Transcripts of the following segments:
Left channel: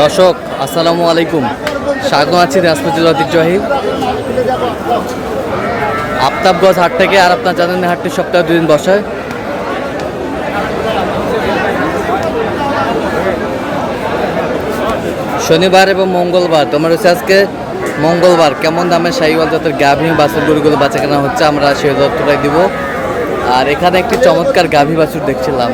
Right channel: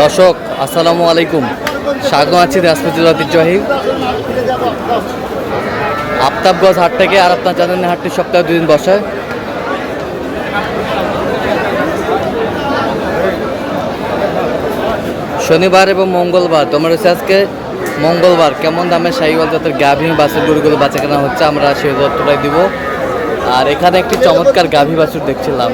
দর্শক আসসালামু আলাইকুম, স্বাগত আছি দিনাজপুর জেলার ঐতিহ্যবাহী আফতাবগঞ্জ হাট থেকে। আর আপনার জানেন হাটটি সপ্তাহে 2 দিন বসে। শনিবার এবং মঙ্গলবার। তোমার হচ্ছে আজকে মঙ্গলবার। কেমন দামে শাহিওয়াল জাতের গাভী বাছুর গরুগুলো বাচ্চা কেনা হচ্ছে আমরা সেই তথ্যটাই দিব। আর এখানে একটি চমৎকার গাভী বাছুর দেখছিলাম।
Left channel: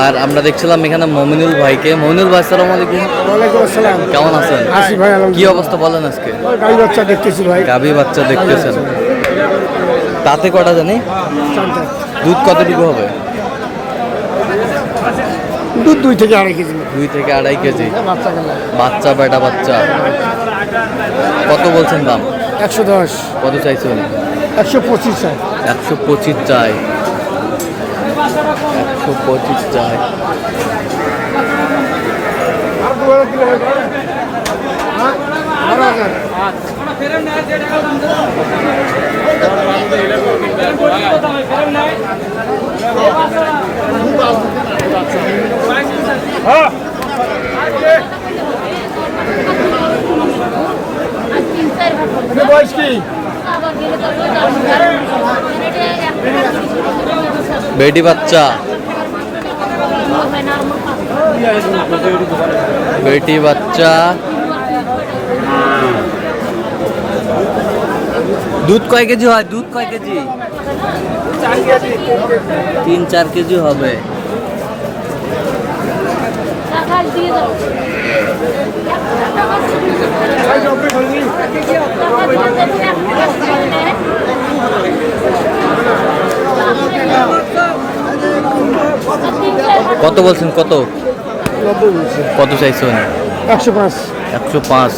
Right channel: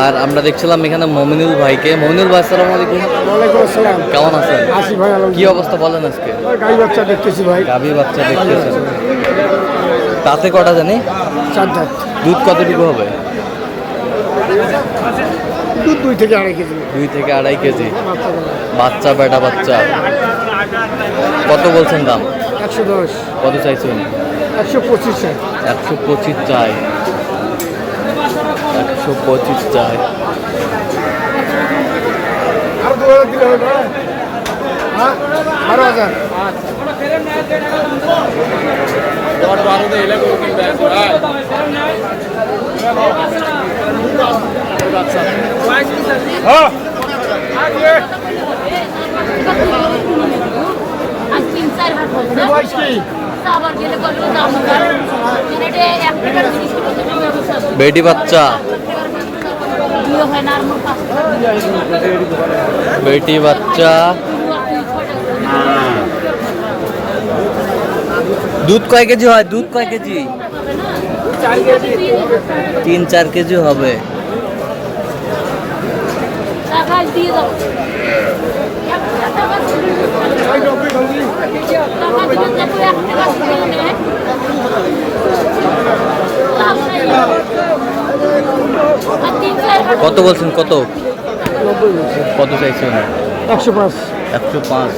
আর আমরা দেখছিলাম এখানে মমিনুল ভাইকে। মমিনুল ভাই আসসালামু আলাইকুম। ওয়ালাইকুম আসসালাম। কেমন আছেন? আসি ভাই, কি অবস্থা বলেন আজকে? গাই বাচ্চা দেখতেছি ভাই। গাভী বাচ্চা দেখতেছেন, তাতে কটা জানি? দুধ কতটুকু হবে? দুধ 2 থেকে 2.5 কেজি। 2 থেকে 2.5 কেজি বাচ্চা, বেটা বাচ্চা। কত বলছেন দাম? 110। কত চাইছেন? 125 চাই। 125 চাই। 125 চাই। বেটি বাচ্চা, বেটি বাচ্চা। দুধ কয় কেজি হয়? দুধ কয় কেজি? 3-4 কেজি হবে। কত বলছেন? কত? 90 বলছে। কত চাইছেন? 105। 105।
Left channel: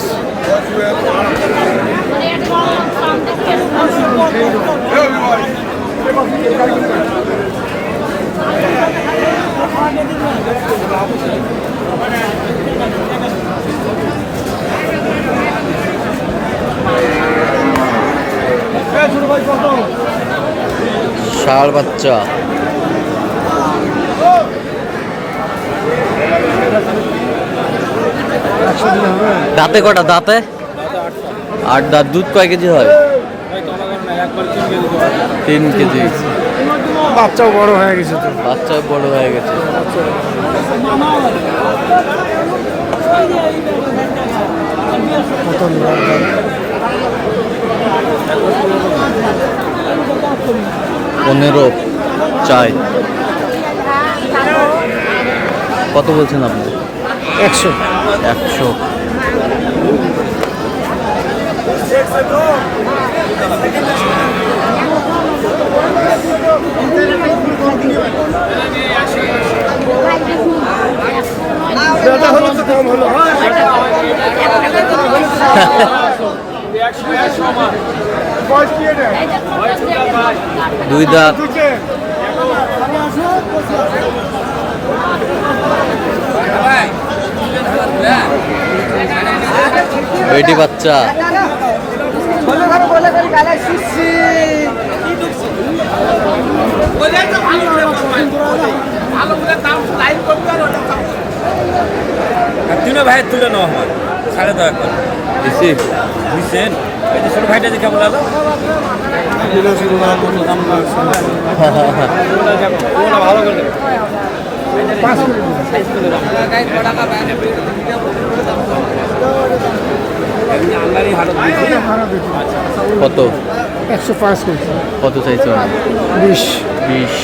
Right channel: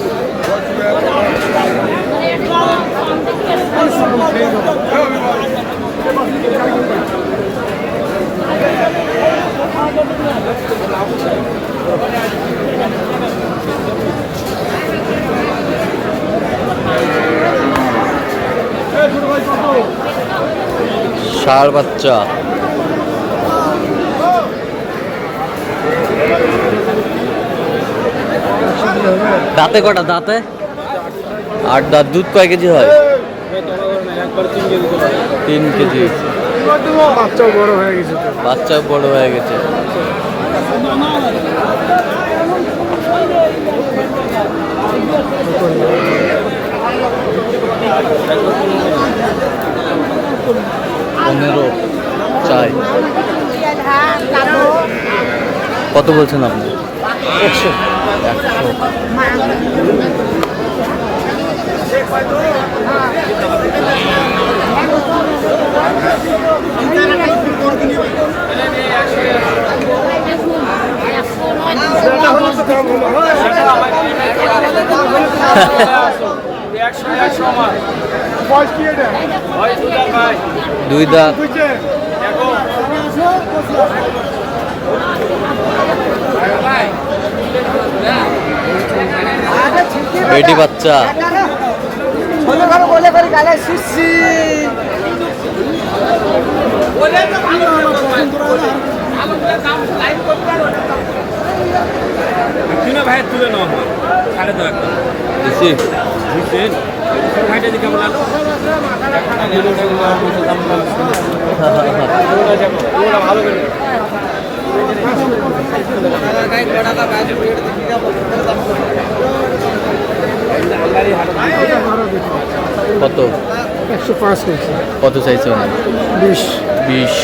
ষাঁড় বাচ্চা। দাঁতে কটা? দাঁতে 8 দাঁত। দুধ কয় কেজি হয়? 3 কেজি। বাচ্চাও বড় হয়ে গেছে। বাচ্চাও বড় হয়ে গেছে। পনেরো চাই। কত বলছেন আপনি? 100। 100। দুই দাঁত। বেটি বাচ্চা। ভাই তুলে নেওয়া হয় 10.5 বেশি ভাইটা যে কেমন লাগলো? কত? 105 কেজি। কত চাইছো? 20। 20।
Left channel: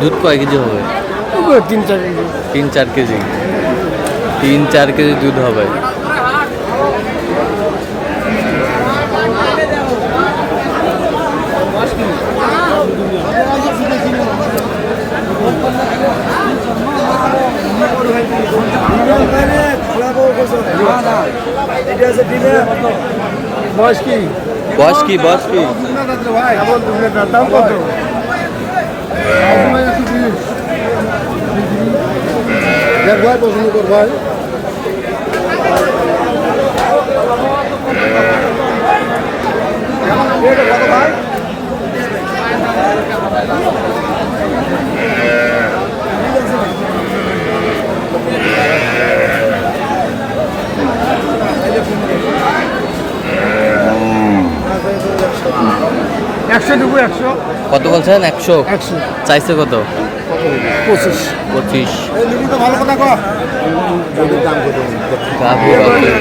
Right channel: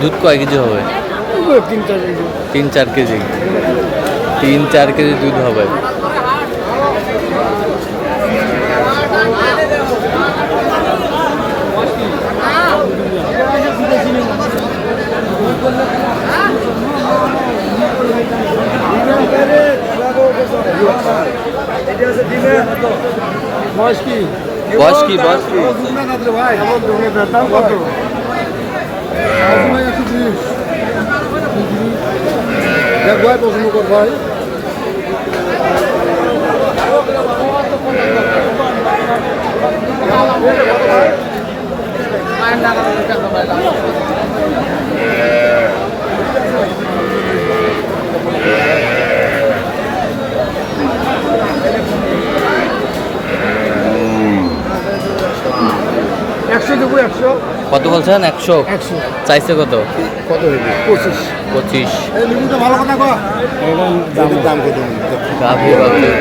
দুধ কয় কেজি হবে? 3-4 কেজি। 3-4 কেজি। 3-4 কেজি দুধ হবে। বয়স কি? বয়স কি বয়স কি? ভাই দাম কত? দেখ ভাই পছন্দ কর ভাই। একশো দুপুর একশো কত বলছেন? 100 একশো চাইছে কত? 25 25। ভালো কথা কর দাম কত গাভী বাছুর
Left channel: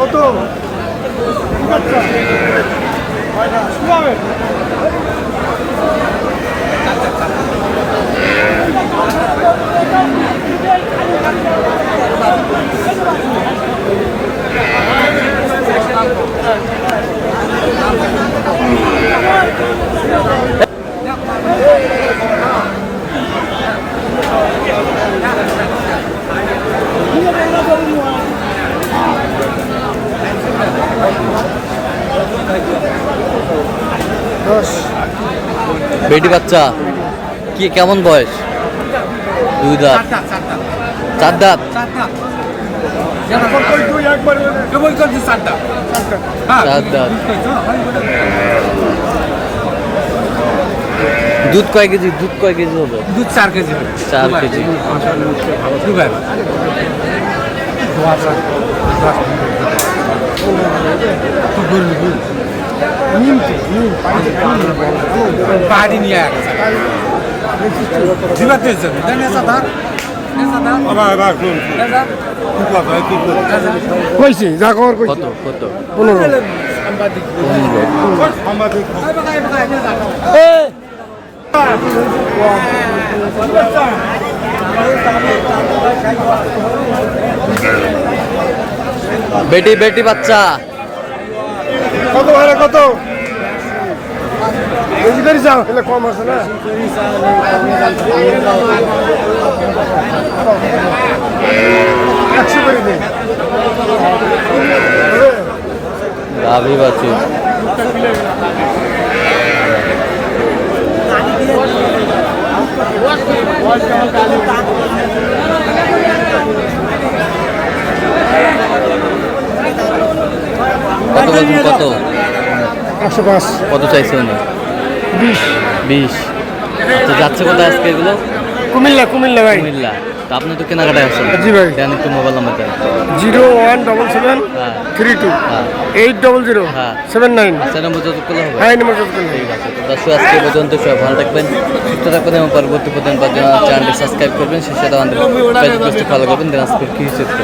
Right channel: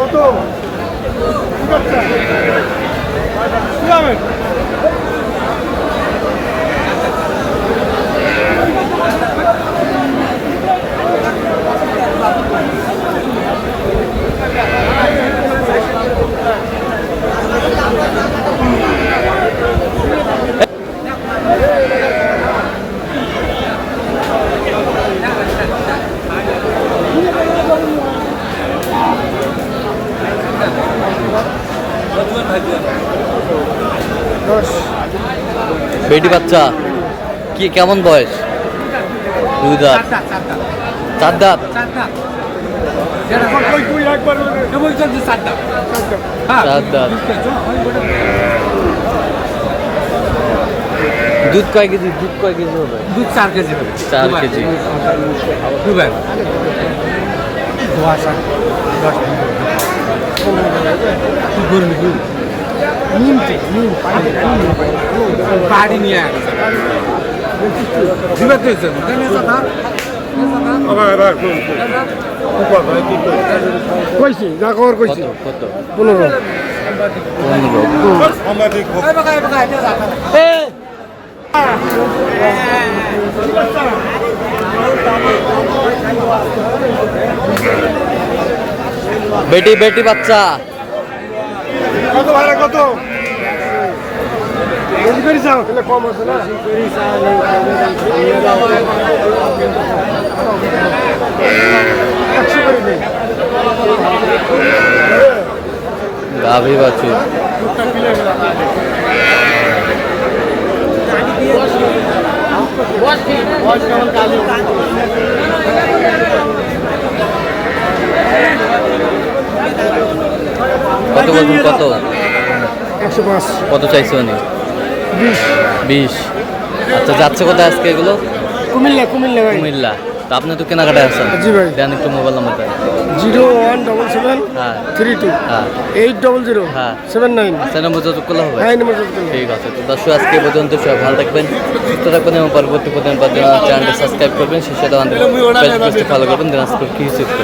কত বেটি বাচ্চা কি কেমন বয়স? 2 দাঁত 4 দাঁত। চার দাঁত। দুধ কয় কেজি? দুধ কয় কেজি হবে? দুধ 4 কেজি হবে। 4 কেজি। দুবার পাহাড়ি নিয়ে কইছি যা খবর কইছি কত কত? 15 15। বেটি বেটি বাচ্চা কত ভাই কত বেশি করে যাও তাহলে কম আছে না একশো করে দিন গাভী বাছুর কত বলছেন? কত? 105 কত চাইছে উনি? 20। আচ্ছা যাচ্ছে কোথায় আজকে এগুলো? কুমিল্লা কুমিল্লা ভাই কুমিল্লা। তা আপনি তো কেনাকাটায় আছেন। জি ভাই দেন একটু মোবাইল নাম্বার দেন। 0177 হ্যাঁ 32 হ্যাঁ 800 হ্যাঁ। 79 আচ্ছা নম্বর যোগাযোগ করলে হবে? হ্যাঁ নম্বর যোগ করলে ঠিক আছে। তো দর্শক আজকে এই পর্যন্ত সবাই ভালো থাকবেন, সুস্থ থাকবেন এবং পরবর্তী প্রতিদিন পাওয়ার জন্য চ্যানেলটি সাবস্ক্রাইব করবেন। সেই সাথে আমাদের ফেসবুক পেজটি ফলো করবেন। দিনাজপুর কৃষি চিত্র।